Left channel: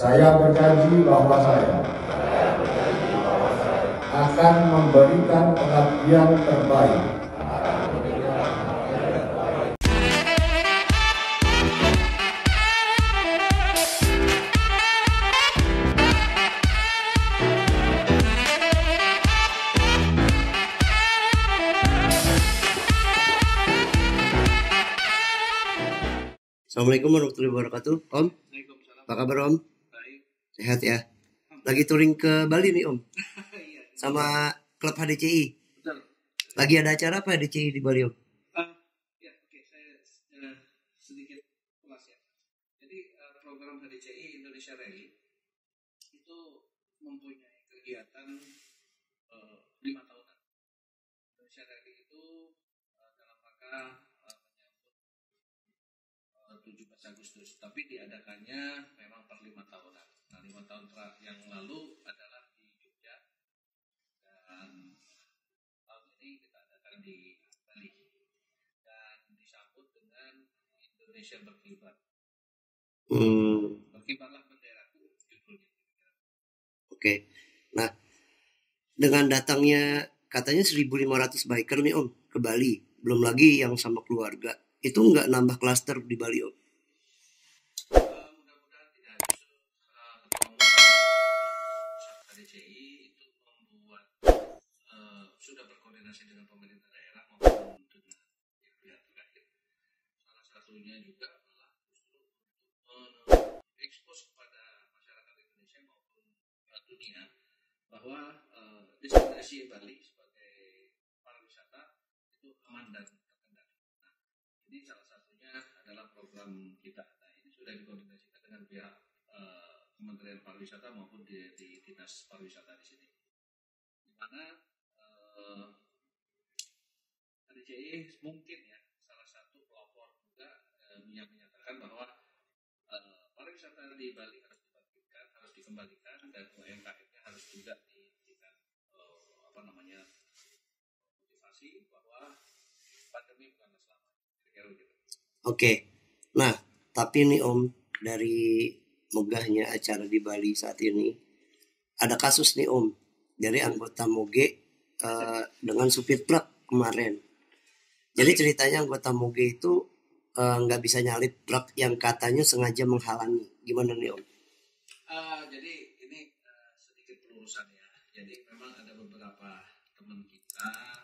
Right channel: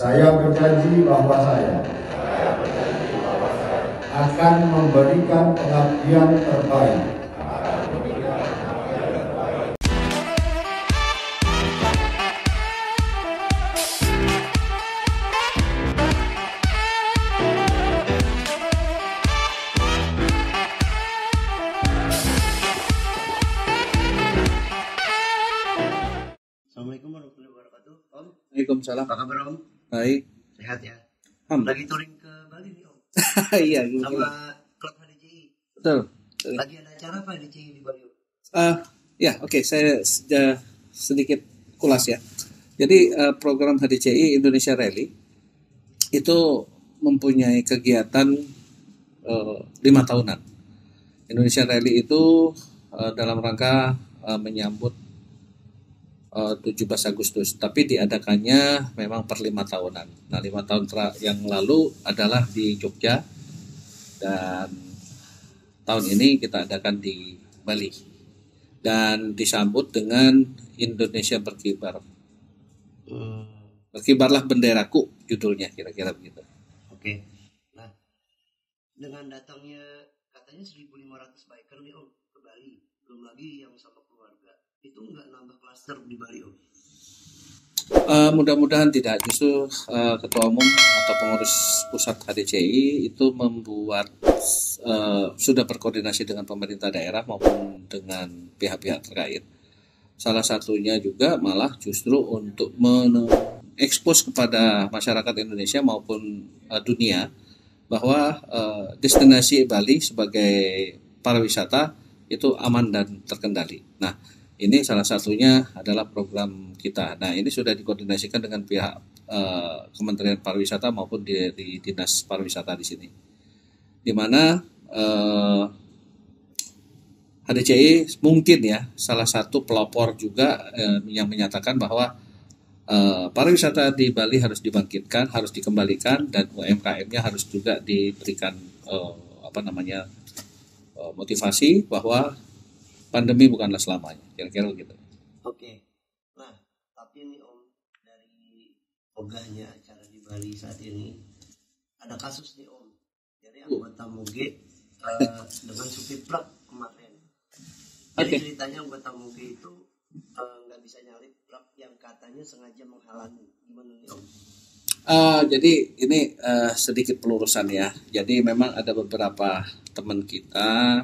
Saya berjanji bahwa saya akan memberikan pengabdian terbaik. Assalamualaikum warahmatullahi wabarakatuh, Om. Waalaikumsalam. Apa kabar, Om? Baik. Sehat ya? Alhamdulillah. Lagi touring ke Bali nih, Om. Iya. Sama klub HDCI. Betul. Lagi ada acara apa HDCI di Bali, Om? Oke. Saya sudah sedikit kulas ya. Jadi program HDCI Indonesia Rally itu mempunyai kegiatan 5 tahunan. Indonesia Rally itu dalam rangka menyambut 17 Agustus, tapi diadakannya memang per 5 tahunan. Nah, 5 tahun yang lalu adalah di Jogja, dan tahun ini kita adakan di Bali, dan disambut dengan Indonesia Berkibar. Berkibarlah benderaku, judulnya kira-kira begitu. Oke. Nah, dengan datangnya katanya 1.500 biker nih, Om, ke Bali, belum lagi yang sama keluarga. Itu nggak nambah klaster di Bali, Om? Mudah-mudahan tidak. Justru Ketua Umum atau Pengurus Pusat HDCI itu membuat sudah berkoordinasi dengan pemerintah daerah maupun dengan pihak-pihak terkait. Salah satunya juga malah justru untuk mengekspos kepada masyarakat Indonesia maupun dunia bahwa destinasi Bali sebagai pariwisata itu aman dan terkendali. Nah, ini salah satunya adalah program kita. Nah, ini sudah dikoordinasikan dengan pihak Kementerian Pariwisata maupun di Dinas Pariwisata di sini. Di mana HDCI mungkin ya salah satu pelopor juga yang menyatakan bahwa pariwisata di Bali harus dibangkitkan, harus dikembalikan, dan UMKM-nya harus juga diberikan motivasi bahwa pandemi bukanlah selamanya, kira-kira begitu. Oke. Nah, tapi nih, Om, dari megahnya acara di Bali saat ini, ada kasus nih, Om, dari anggota Moge dengan supir truk kemarin. Jadi ceritanya anggota Moge itu nggak bisa nyalip truk yang katanya sengaja menghalangi. Gimana nih, Om? Jadi ini sedikit pelurusan ya. Jadi memang ada beberapa teman kita,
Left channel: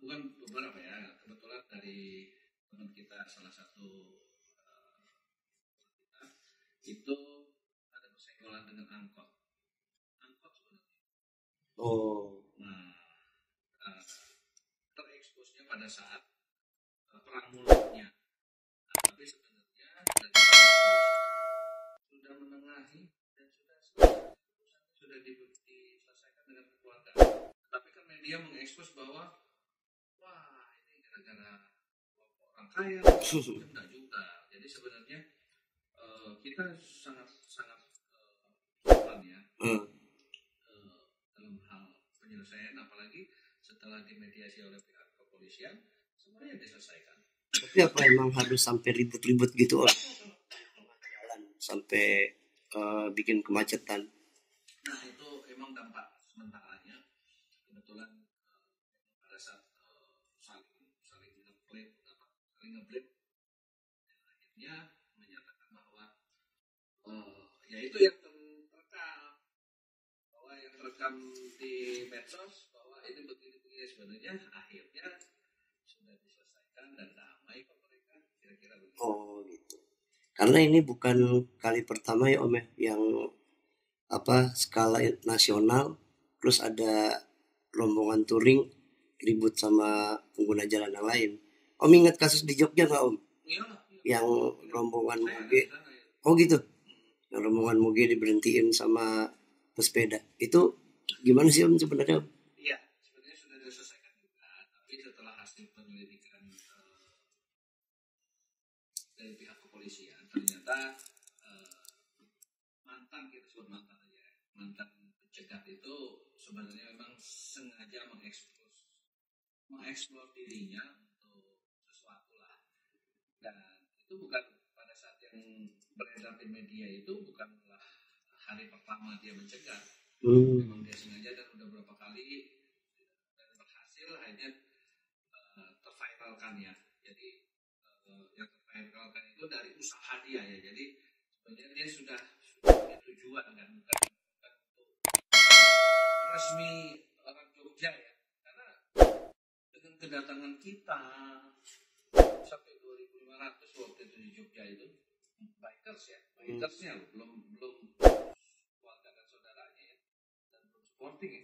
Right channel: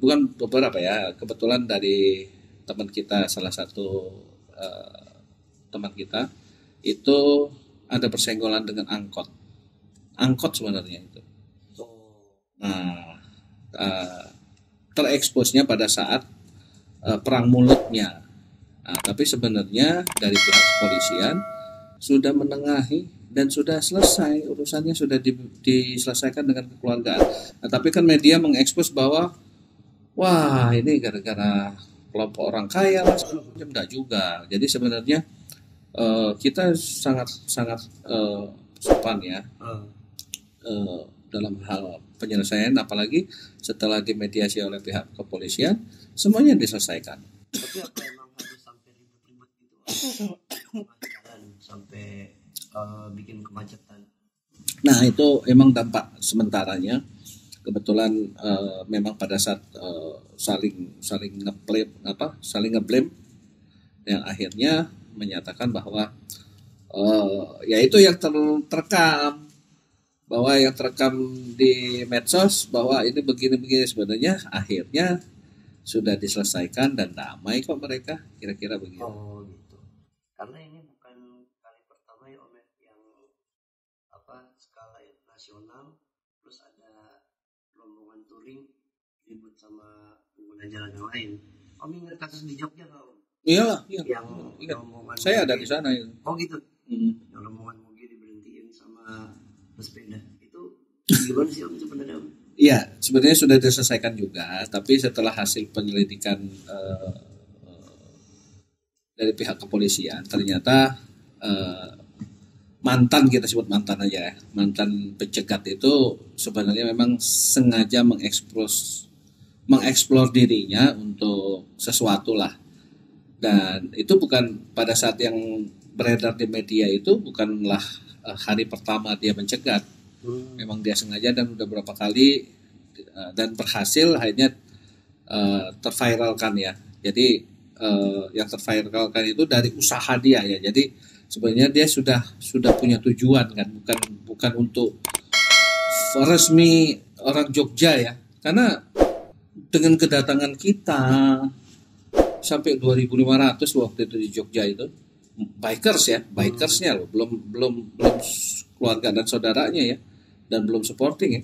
bukan beberapa ya, kebetulan dari teman kita, salah satu teman kita itu ada bersenggolan dengan angkot sebenarnya itu. Nah, tereksposnya pada saat perang mulutnya. Nah, tapi sebenarnya dari pihak kepolisian sudah menengahi dan sudah selesai, urusannya sudah diselesaikan dengan kekeluargaan. Nah, tapi kan media mengekspos bahwa wah, ini gara-gara kelompok orang kaya, enggak juga. Jadi sebenarnya kita sangat sopan ya dalam hal penyelesaian, apalagi setelah dimediasi oleh pihak kepolisian, semuanya diselesaikan. Tapi apa emang harus sampai ribut-ribut gitu, Om? Jalan sampai bikin kemacetan. Nah, itu emang dampak sementaranya. Kebetulan memang pada saat saling ngeblame yang akhirnya menyatakan bahwa yaitu yang terekam, bahwa yang terekam di medsos bahwa ini begini-begini, sebenarnya akhirnya sudah diselesaikan dan damai kok mereka, kira-kira begitu. Oh gitu. Karena ini bukan kali pertama ya, Om, yang skala nasional terus ada rombongan touring ribut sama pengguna jalan yang lain. Om ingat kasus di Jogja nggak, Om? Iya. Yang rombongan saya Moge, ada di sana. Oh gitu. Yang rombongan Moge diberhentiin sama pesepeda. Itu gimana sih, Om, sebenarnya, Om? Iya, sebenarnya sudah diselesaikan juga, tapi setelah hasil penyelidikan dari pihak kepolisian, ternyata mantan, kita sebut mantan aja ya, mantan pencegat itu sebenarnya memang sengaja mengeksplor dirinya untuk sesuatu lah, dan itu bukan pada saat yang beredar di media itu bukanlah hari pertama dia mencegat. Memang dia sengaja dan udah berapa kali dan berhasil akhirnya terviralkan ya. Jadi yang terviralkan itu dari usaha dia ya. Jadi sebenarnya dia sudah punya tujuan kan, bukan untuk resmi orang Jogja ya. Karena dengan kedatangan kita sampai 2.500 waktu itu di Jogja itu bikersnya loh, belum keluarga dan saudaranya ya, dan belum supporting ya.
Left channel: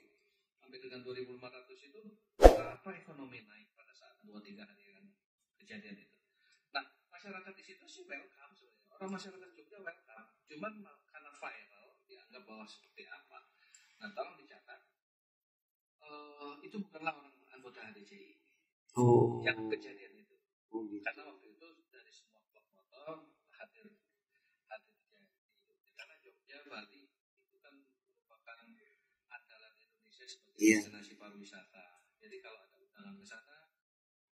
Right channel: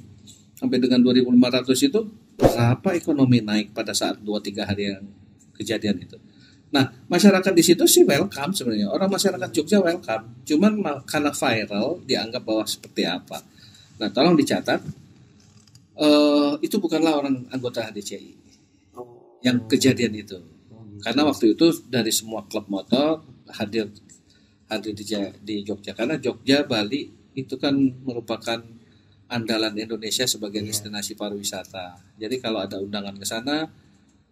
Sampai dengan 2.500 itu berapa ekonomi naik pada saat 2-3 hari yang kejadian itu. Nah, masyarakat di situ sih welcome sebenarnya. Orang masyarakat Jogja welcome. Cuman karena viral dianggap bahwa seperti apa. Nah, tolong dicatat itu bukanlah orang anggota HDCI yang kejadian itu. Karena waktu itu dari semua klub motor hadir di Jogja. Karena Jogja, Bali itu kan merupakan andalan Indonesia sebagai destinasi pariwisata. Jadi kalau ada undangan ke sana,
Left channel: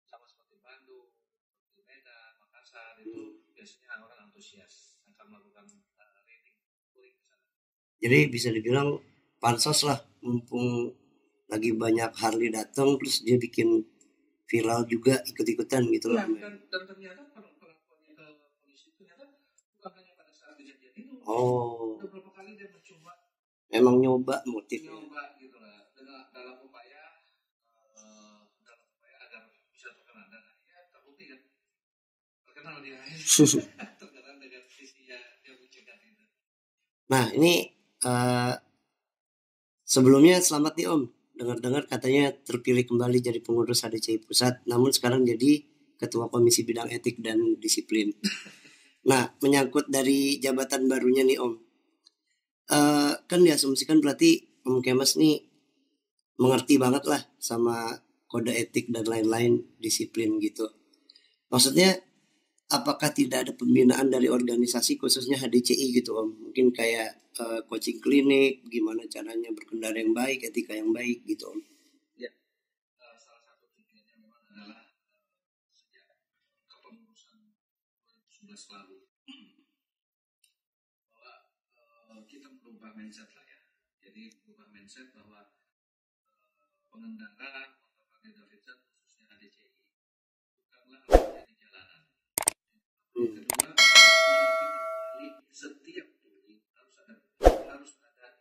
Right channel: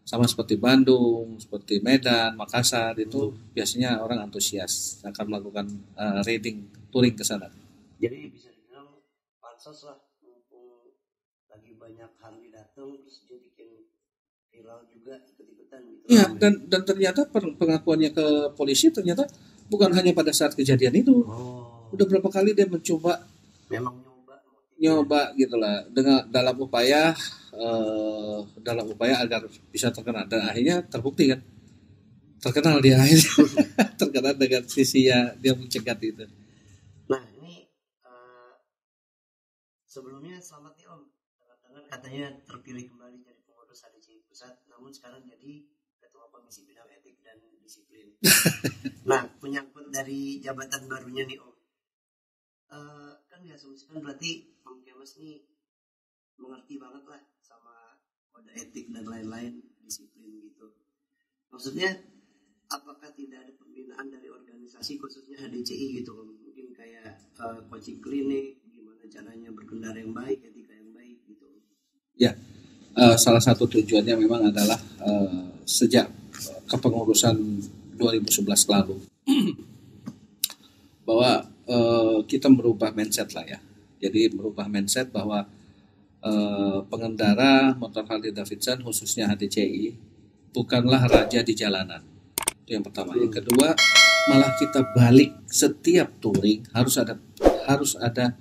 sama seperti Bandung, seperti Medan, Makassar, itu biasanya orang antusias akan melakukan touring ke sana. Jadi bisa dibilang pansos lah, mumpung lagi banyak Harley datang, terus dia bikin viral juga ikut-ikutan gitu. Iya, dan ternyata pengakuannya ke polisi ternyata bukan hanya pada saat kejadian itu. Udah berapa kali dia mencoba. Memang nyoba gitulah dalam upaya agar bisa terkenal, dan akhirnya terbukti kan, terkenal dia akhirnya terkenal dengan sisinya dia mencegat itu. Nah ini sebelumnya selamat nih Om, dengar-dengar katanya terpilih kembali jadi pengurus HDCI Pusat, namun sekarang jadi Ketua Komisi Bidang Etik dan Disiplin. Nah menyangkut dari jabatan barunya nih Om, kan diasumsikan berarti Om Kemas nih mengerti banget lah sama kode etik dan lain-lain, disiplin gitu. Maksudnya apakah tidak ada pembinaan dari organisasi khususnya HDCI gitu Om? Mungkin kayak coaching klinik, gimana caranya berkendara yang baik, etika yang baik gitu Om? Ya, salah satu tujuannya memang adalah sejak kepengurusan 2011 lalu bahwa kita merubah mindset lah ya. Jadi merubah mindset bahwa pengendara motor Harley Davidson khususnya HDCI bukanlah raja di jalanan. Itu yang pertama. Yang kedua, malah kita balik setiap touring harus ada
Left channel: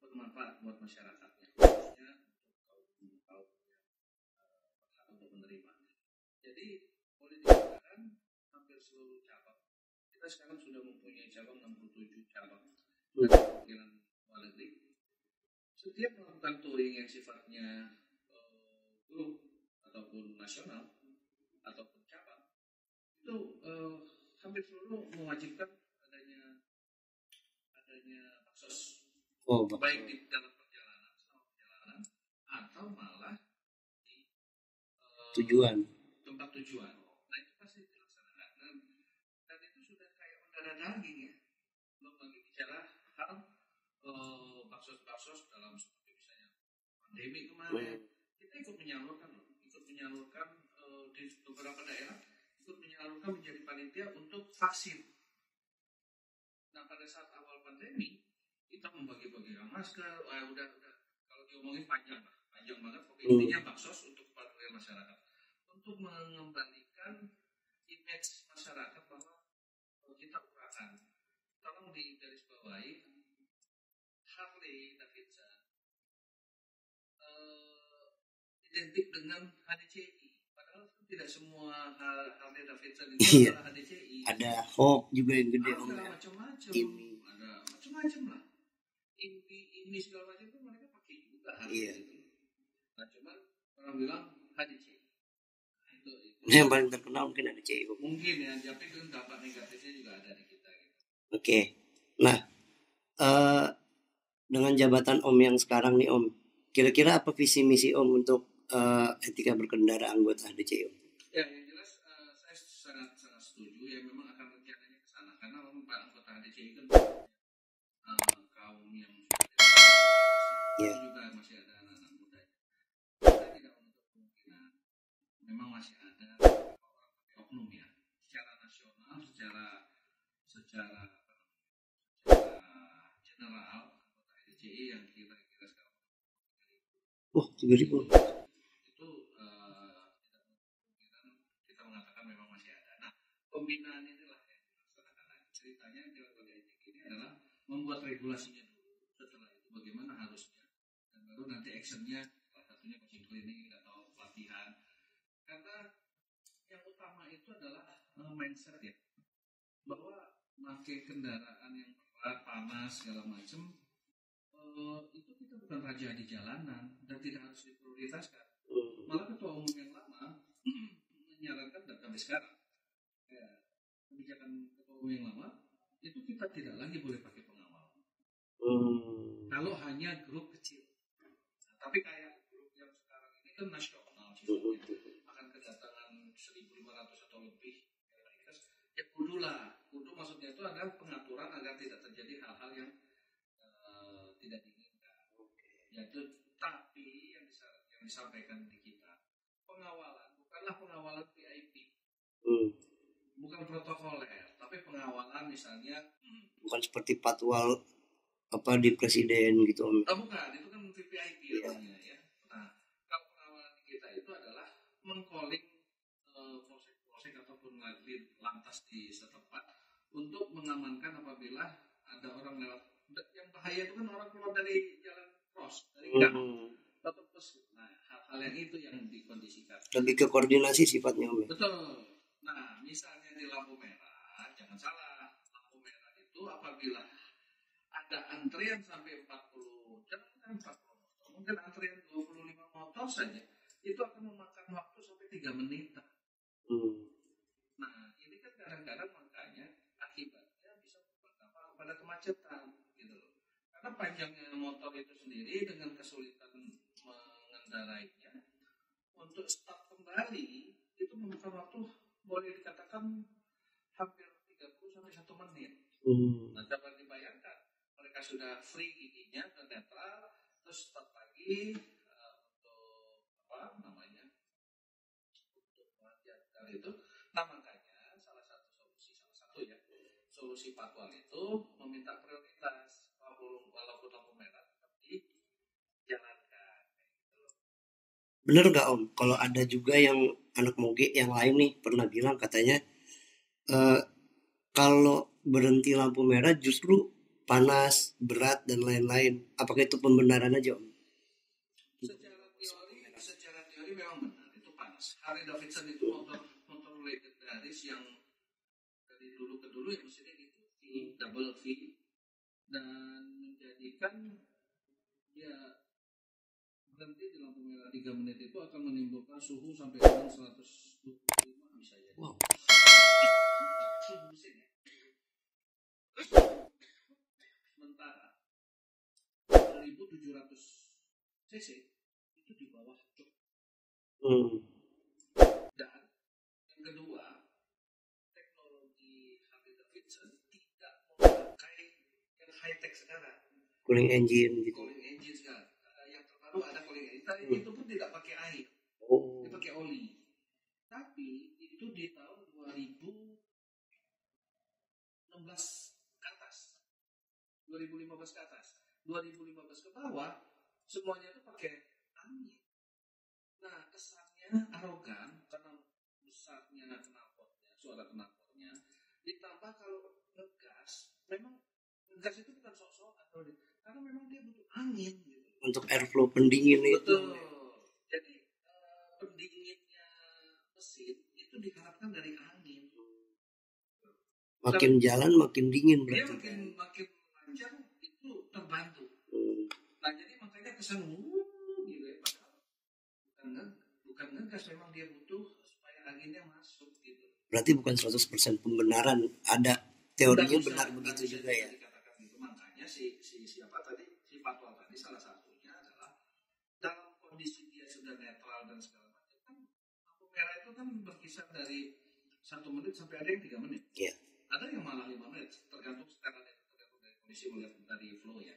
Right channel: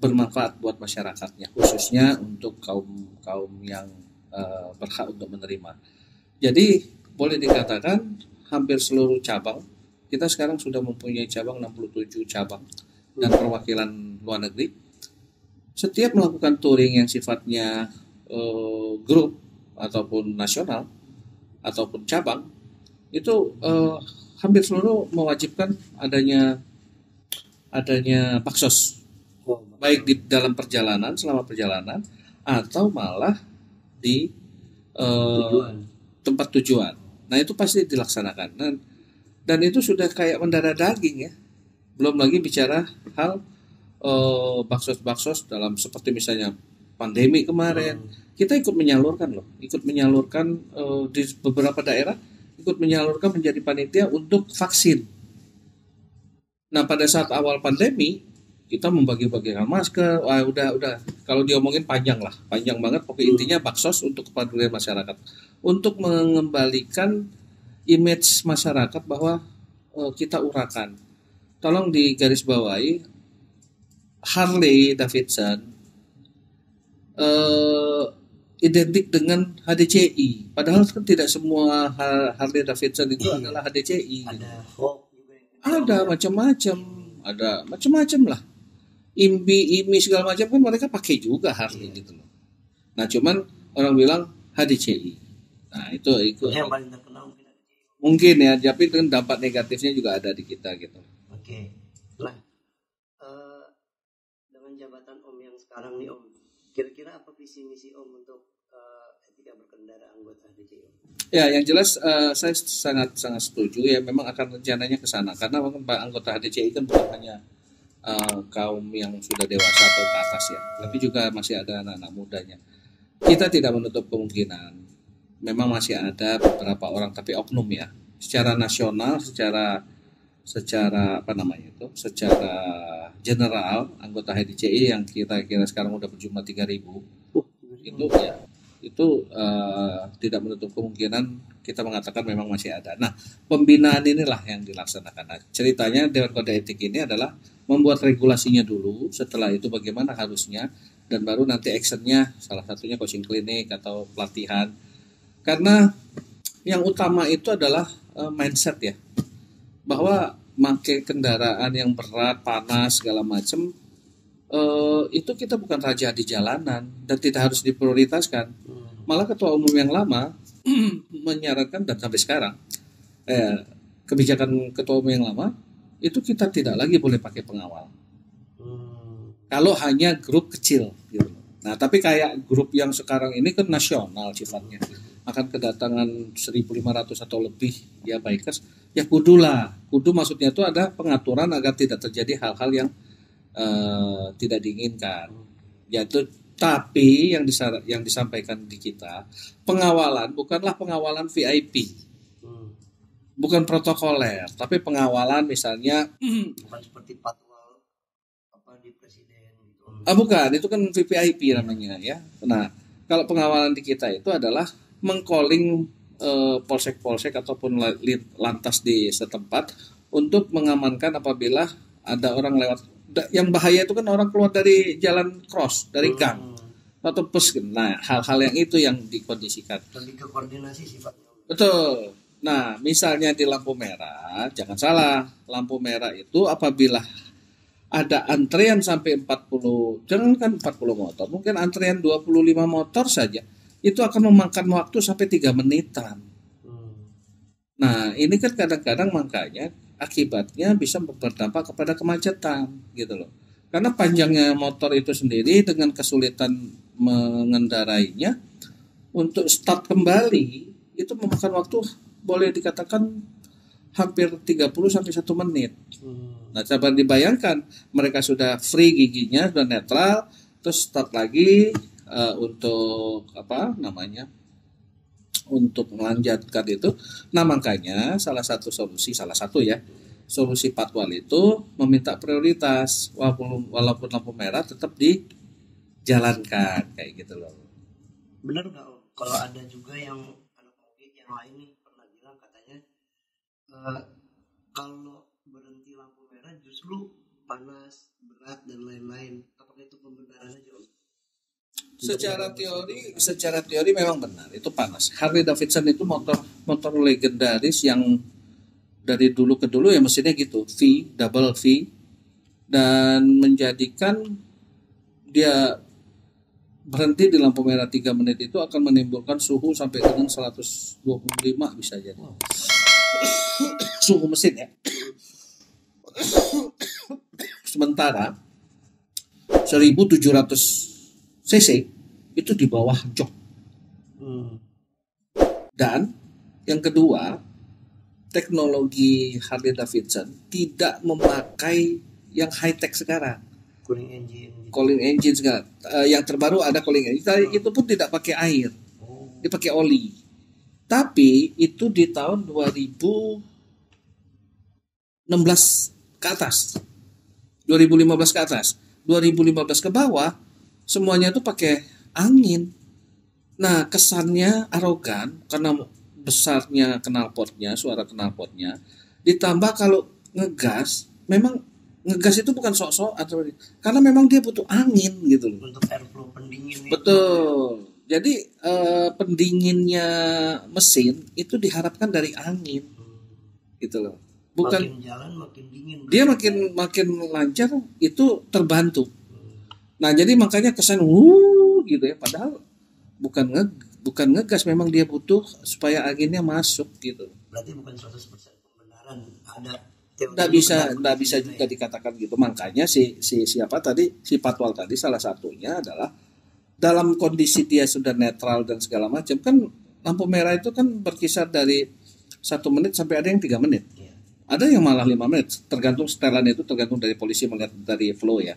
bermanfaat buat masyarakatnya, khususnya untuk kaum yang berhak untuk menerima. Jadi boleh dikatakan hampir seluruh cabang, kita sekarang sudah mempunyai cabang 67 cabang dan perwakilan luar negeri. Setiap melakukan touring yang sifatnya grup ataupun nasional ataupun cabang, itu hampir seluruh mewajibkan adanya baksos, baik di dalam perjalanan, selama perjalanan, atau malah di tempat tujuan. Nah itu pasti dilaksanakan, dan itu sudah kayak mendarah daging ya. Belum lagi bicara hal baksos dalam seperti misalnya pandemi kemarin, kita ikut menyalurkan di beberapa daerah, ikut menyalurkan menjadi panitia untuk vaksin. Nah pada saat awal pandemi kita membagi-bagikan masker, udah kalau diomongin panjang banget, pokoknya intinya baksos untuk kepedulian masyarakat, untuk mengembalikan image masyarakat bahwa kita urakan. Tolong digarisbawahi, Harley Davidson identik dengan HDCI, padahal kan tidak semua Harley Davidson itu adalah HDCI. Ada Hawk juga yang gede. Ada macam-macam lah. IMI segala macam kan mereka pakai juga Harley gitu loh. Nah cuman orang bilang HDCI. Nah itu yang paling terkenal mungkin HDCI. Mungkin ya, tapi dengan dampak negatifnya juga ada di kita gitu. Oke. Nah dengan jabatan Om yang sekarang nih Om, kira-kira apa visi misi Om untuk etika berkendara anggota HDCI Om? Ya, yang jelas saya sangat setuju ya, memang akan rencananya ke sana, karena anggota HDCI kan bukan hanya kaum yang sudah dewasa atau ke atas ya, tapi juga masih ada anak-anak mudanya. Kita tidak menutup kemungkinan memang masih ada beberapa orang, tapi oknum ya, secara nasional, secara secara apa namanya itu, secara general anggota HDCI yang kira-kira sekarang udah berjumlah 3.000 Wah, itu 3.000. ya itu tidak menutup kemungkinan kita mengatakan memang masih ada. Nah, pembinaan inilah yang dilaksanakan. Nah, ceritanya Dewan Kode Etik ini adalah membuat regulasinya dulu, setelah itu bagaimana harusnya, dan baru nanti actionnya, salah satunya coaching klinik atau pelatihan. Karena yang utama itu adalah mindset ya, bahwa pakai kendaraan yang berat, panas, segala macam, itu kita bukan raja di jalanan dan tidak harus diprioritaskan. Malah ketua umum yang lama menyarankan, dan sampai sekarang kebijakan ketua umum yang lama itu kita tidak lagi boleh pakai pengawal. Kalau hanya grup kecil gitu. Nah, tapi kayak grup yang sekarang ini kan nasional sifatnya, akan kedatangan 1.500 atau lebih ya bikers, ya kudu maksudnya itu ada pengaturan agar tidak terjadi hal-hal yang tidak diinginkan. Yaitu tapi yang disampaikan di kita, pengawalan bukanlah pengawalan VIP. Bukan protokoler, tapi pengawalan misalnya bukan seperti patwal apa di presiden gitu Om. Bukan, itu kan VVIP namanya ya. Nah, kalau pengawalan di kita itu adalah mengcalling polsek-polsek ataupun lantas di setempat untuk mengamankan apabila ada orang lewat. Yang bahaya itu kan orang keluar dari jalan cross, dari gang atau pos. Nah, hal-hal yang itu yang dikondisikan. Lebih ke koordinasi sifatnya Om. Betul. Nah, misalnya di lampu merah, jangan salah, lampu merah itu apabila ada antrean sampai 40, jangan kan 40 motor, mungkin antrean 25 motor saja, itu akan memakan waktu sampai 3 menitan. Nah, ini kan kadang-kadang makanya akibatnya bisa berdampak kepada kemacetan gitu loh. Karena panjangnya motor itu sendiri dengan kesulitan mengendarainya, untuk start kembali itu memakan waktu boleh dikatakan hampir 30 sampai 1 menit. Nah, coba dibayangkan mereka sudah free giginya, sudah netral, terus start lagi untuk apa namanya? Untuk melanjutkan itu. Nah, makanya salah satu solusi patwal itu meminta prioritas walaupun lampu merah tetap dijalankan kayak gitu loh. Bener nggak Om? Kalau ada juga yang anak moge yang lain nih pernah bilang katanya kalau berhenti lampu merah justru panas, berat dan lain-lain. Apakah itu pembenaran aja Om? Secara teori memang benar, itu panas. Harley Davidson itu motor legendaris yang dari dulu ke dulu ya mesinnya gitu, double V, dan menjadikan dia berhenti di lampu merah 3 menit itu akan menimbulkan suhu sampai dengan 125 bisa jadi. Suhu mesin ya. Sementara 1.700 cc itu di bawah jok. Dan yang kedua, teknologi Harley Davidson tidak memakai yang high tech sekarang. Cooling engine sekarang. Yang terbaru ada cooling engine. Itu pun tidak pakai air. Dipakai oli. Tapi itu di tahun 2016 ke atas. 2015 ke atas. 2015 ke bawah semuanya itu pakai angin. Nah, kesannya arogan karena besarnya knalpotnya, suara knalpotnya. Ditambah kalau ngegas, memang ngegas itu bukan sok-sok atau karena memang dia butuh angin gitu loh. Untuk airflow pendingin itu. Betul. Jadi pendinginnya mesin itu diharapkan dari angin. Gitu loh. Bukan makin jalan makin dingin. Dia makin lancar itu terbantu. Nah, jadi makanya kesan gitu ya, padahal bukan ngegas, memang dia butuh supaya anginnya masuk gitu. Berarti bukan 100% pembenaran, ada teori. Nggak bisa juga dikatakan gitu. Makanya si patwal tadi salah satunya adalah dalam kondisi dia sudah netral dan segala macam, kan lampu merah itu kan berkisar dari 1 menit sampai ada yang 3 menit. Yeah. Ada yang malah 5 menit, tergantung setelan itu, tergantung dari polisi melihat dari flow ya.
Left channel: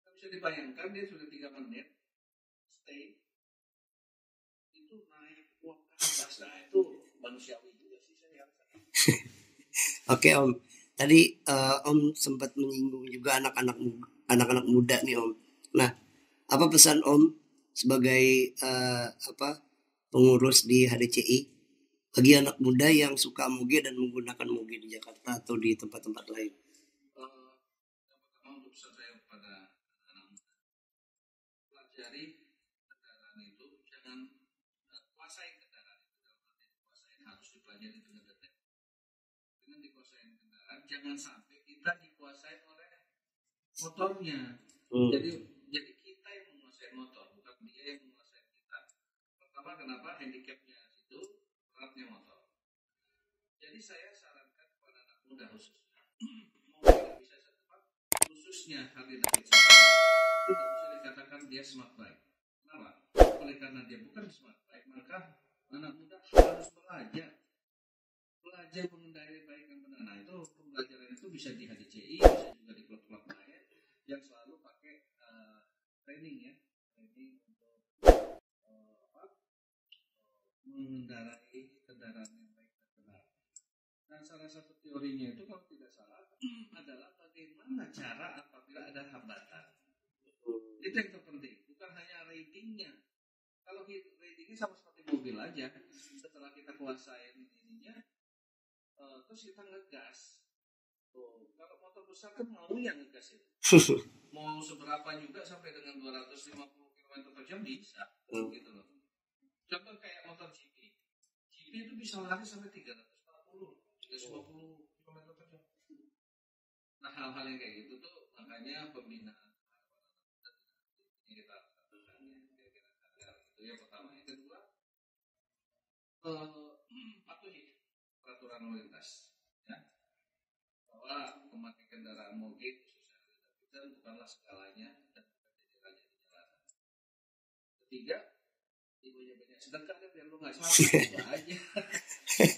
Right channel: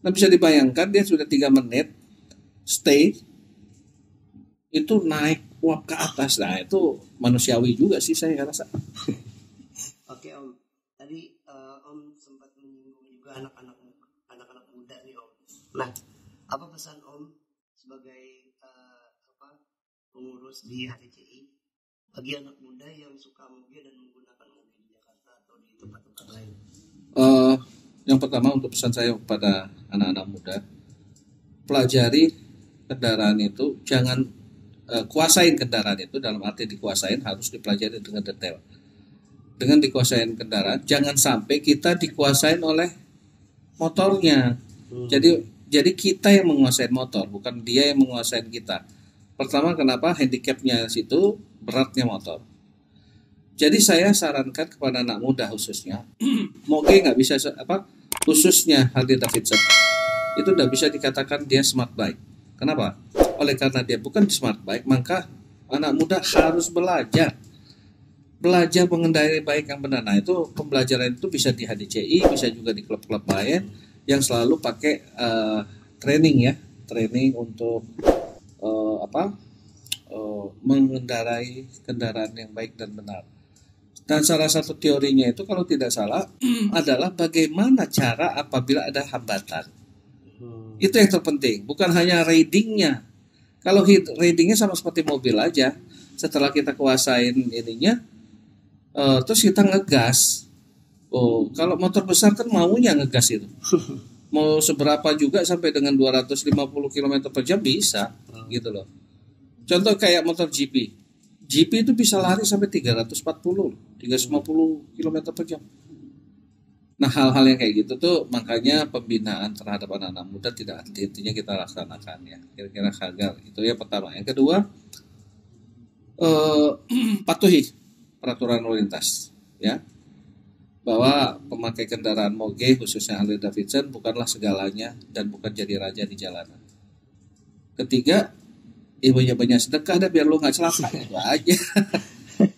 Nah, bisa dibayangkan dia sudah 3 menit stay itu naik uap ke atas. Nah, itu manusiawi juga sih saya rasa. Oke Om, tadi Om sempat menyinggung juga anak-anak muda nih Om. Nah, apa pesan Om sebagai pengurus di HDCI bagi anak muda yang suka moge dan menggunakan moge di Jakarta atau di tempat-tempat lain? Yang pertama untuk pesan saya kepada anak-anak muda, pelajari kendaraan itu, jangan kuasain kendaraan itu, dalam arti dikuasain harus dipelajari dengan detail. Dengan dikuasain kendaraan, jangan sampai kita dikuasain oleh motornya. Jadi kita yang menguasai motor, bukan dia yang menguasai kita. Pertama, kenapa? Handicapnya situ, beratnya motor. Jadi saya sarankan kepada anak muda khususnya, moge nggak bisa khususnya Harley Davidson itu udah bisa dikatakan dia smart bike. Kenapa? Oleh karena dia bukan smart bike, maka anak muda harus belajar mengendarai bike yang benar. Nah, itu pembelajaran itu bisa di HDCI, bisa juga di klub-klub lain yang selalu pakai training untuk mengendarai kendaraan yang baik dan benar. Dan salah satu teorinya itu kalau tidak salah adalah bagaimana cara apabila ada hambatan. Itu yang terpenting, bukan hanya ridingnya. Kalau ridingnya sama seperti mobil aja, setelah kita kuasain ininya, terus kita ngegas. Kalau motor besar kan maunya ngegas itu. Mau seberapa juga sampai dengan 250 km per jam bisa, gitu loh. Contoh kayak motor GP itu bisa lari sampai 350 km per jam. Nah, hal-hal yang kayak gitu tuh makanya pembinaan terhadap anak-anak muda tidak henti-hentinya kita laksanakan ya. Kira-kira agar itu ya pertama. Yang kedua, patuhi peraturan lalu lintas ya. Bahwa pemakai kendaraan moge khususnya Harley Davidson bukanlah segalanya dan bukan jadi raja di jalanan. Ketiga, banyak sedekah dah biar lo nggak celaka. Itu aja.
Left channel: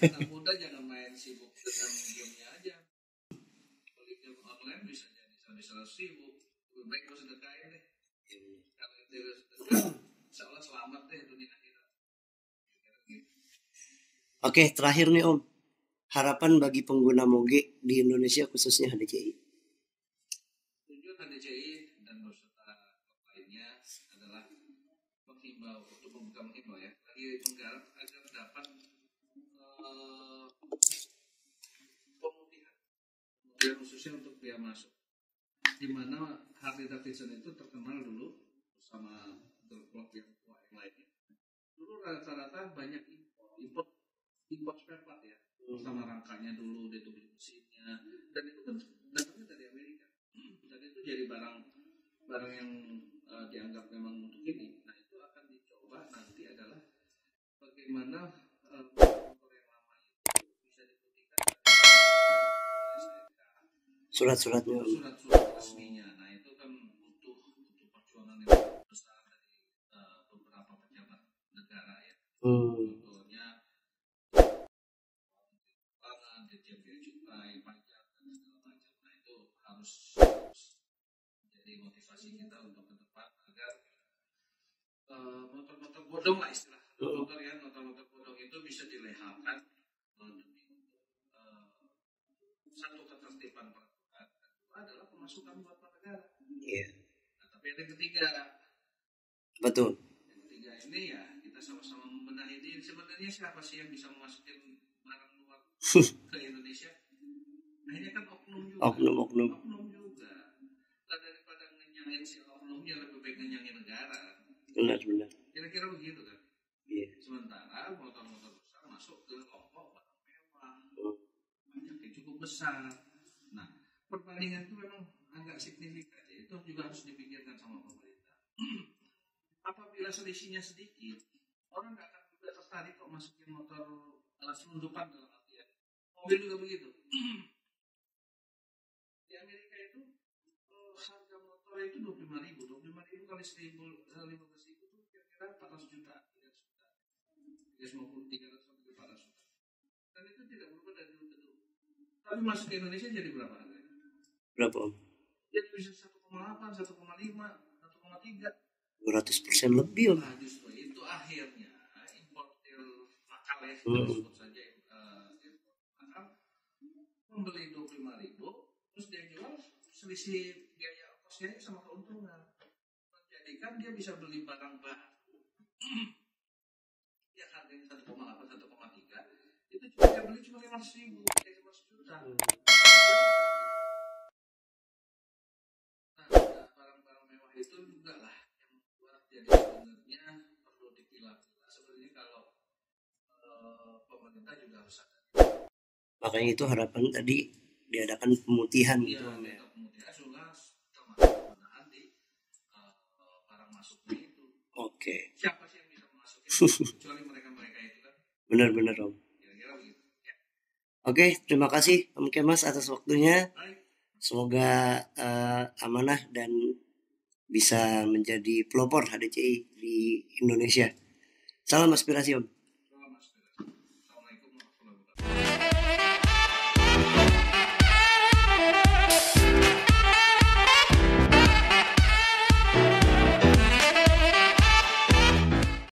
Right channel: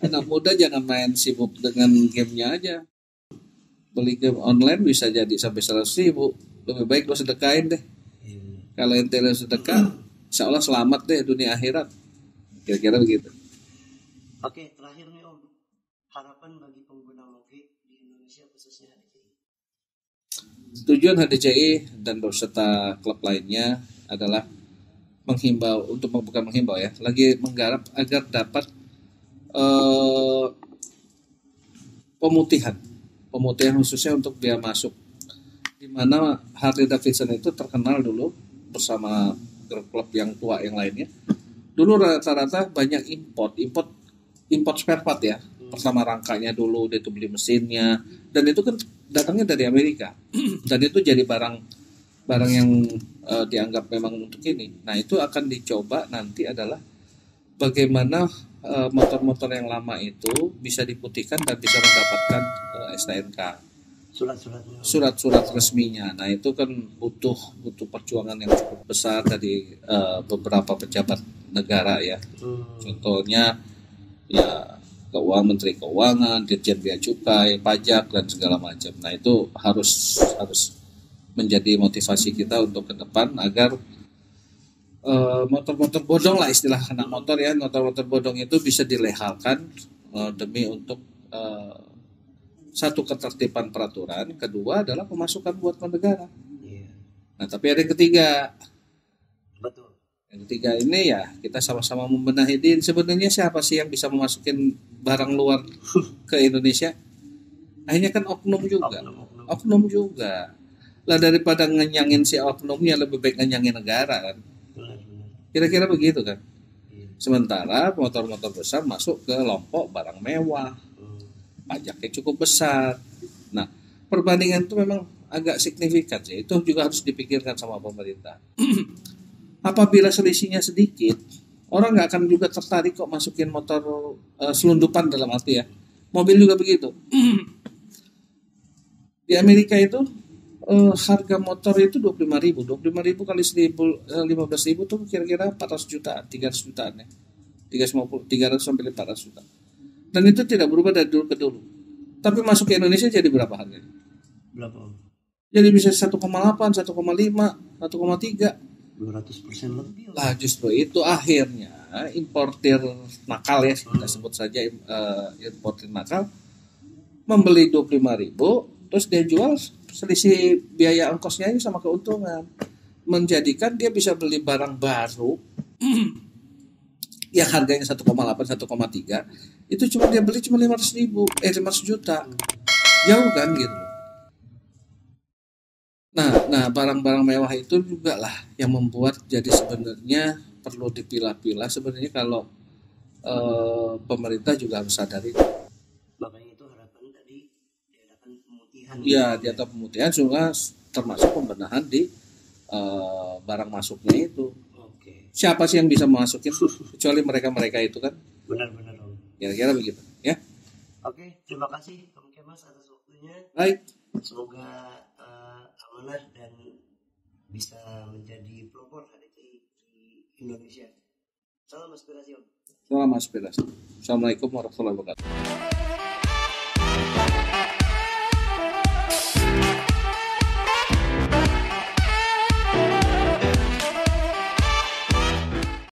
Anak muda jangan main sibuk dengan gamenya aja. Beli game online bisa jadi sampai 100.000. Lebih baik lo sedekahin deh. Kalau ente lo sedekah, insya Allah selamat deh dunia akhirat. Kira-kira begitu. Oke, terakhir nih Om, harapan bagi pengguna moge di Indonesia khususnya HDCI. Tujuan HDCI dan beserta klub lainnya adalah bukan menghimbau ya, lagi menggarap agar dapat pemutihan khususnya untuk biaya masuk, di mana Harley Davidson itu terkenal dulu bersama klub yang tua yang lainnya. Dulu rata-rata banyak import spare part ya. Pertama rangkanya dulu dia itu beli mesinnya, dan itu kan datangnya dari Amerika dan itu jadi barang yang dianggap memang untuk ini. Nah, itu akan dicoba nanti adalah bagaimana motor-motor yang lama itu bisa diputihkan dan bisa mendapatkan STNK, surat-surat resminya. Nah, itu kan butuh perjuangan yang cukup besar dari beberapa pejabat negara ya. Contohnya ya Menteri Keuangan, Dirjen Bea Cukai, pajak dan segala macam. Nah, itu harus menjadi motivasi kita untuk ke depan agar motor-motor bodong lah istilah anak motor ya, motor-motor bodong itu bisa dilehalkan demi untuk satu ketertiban peraturan, kedua adalah pemasukan buat negara. Nah, tapi ada yang ketiga. Betul. Yang ketiga ini ya kita sama-sama membenahi diri. Sebenarnya siapa sih yang bisa memasukin barang luar ke Indonesia? Akhirnya kan oknum juga. Lah daripada ngenyangin si oknumnya lebih baik ngenyangin negara kan. Benar. Kira-kira begitu kan. Sementara motor-motor besar masuk ke lompok barang mewah. Pajaknya cukup besar. Nah, perbandingan itu memang agak signifikan sih. Itu juga harus dipikirkan sama pemerintah. Apabila selisihnya sedikit, orang nggak akan juga tertarik kok masukin motor selundupan dalam arti ya. Mobil juga begitu. Di Amerika itu harga motor itu 25.000 kali 15.000 tuh kira-kira 400 jutaan, 300 jutaan ya. 300 sampai 400 juta. Dan itu tidak berubah dari dulu ke dulu. Tapi masuk ke Indonesia jadi berapa harganya? Berapa Om? Jadi bisa 1,8, 1,5, 1,3. 200% lebih lah. Justru itu akhirnya importir nakal ya, kita sebut saja importir nakal membeli 25.000, terus dia jual selisih biaya ongkosnya ini sama keuntungan, menjadikan dia bisa beli barang baru yang harganya 1,8 1,3, itu cuma dia beli cuma 500 juta, jauh kan gitu. Nah barang-barang mewah itu juga lah yang membuat jadi sebenarnya perlu dipilah-pilah sebenarnya kalau pemerintah juga harus sadari. Makanya itu harapan tadi diadakan pemutihan. Ya, di atas pemutihan juga termasuk pembenahan di barang masuknya itu. Oke. Siapa sih yang bisa masukin kecuali mereka itu kan? Benar-benar Om. Kira-kira begitu ya. Oke, terima kasih Om Kemas atas waktunya. Baik. Semoga amanah dan bisa menjadi pelopor HDCI di Indonesia. Salam aspirasi Om. Salam aspirasi. Assalamualaikum warahmatullahi wabarakatuh.